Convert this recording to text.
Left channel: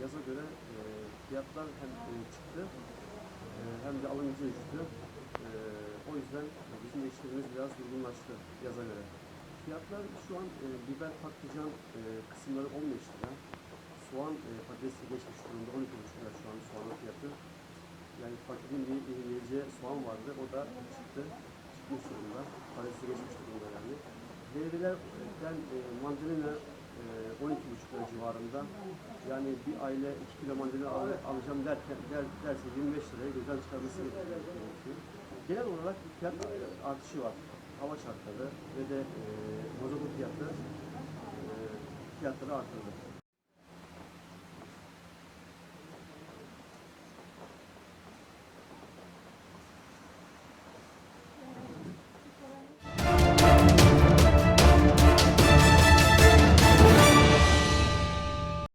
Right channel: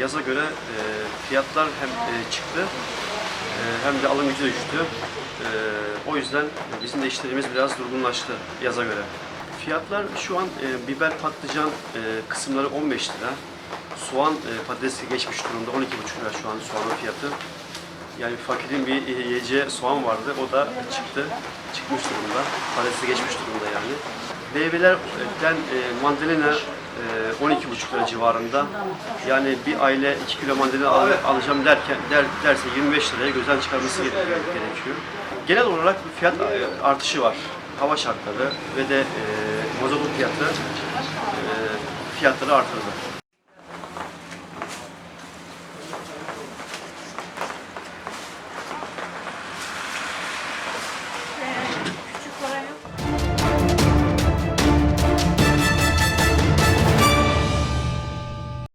yaza göre e, fiyatlar hem e, çıktı e, hem de alım gücü düştü. E, o yüzden bizim de işlerimiz biraz durgunlaştı yaza göre. Fiyatlar şu an e, biber patlıcan e, kısımları 15 lira. Soğan e, patatesi geçmiş durumda 12,5 lira şu an soğanın fiyatı. Yani fakirin bir e, yiyeceği soğan vardı o da çıktı. Çıkmış durumda. Patatesi geçmiş durumda yani. Meyvelerden e, mandalina e, 12,5 lira civarında. Yani bir aile 2 kilo mandalina al- alacağım derken der, derse 25 liraya gözden çıkarması gere- gerekiyor. Genel olarak bir fiyat e, artışı var. Hava şartları ve de e, mazotun fiyatı e, fiyatları artırdı.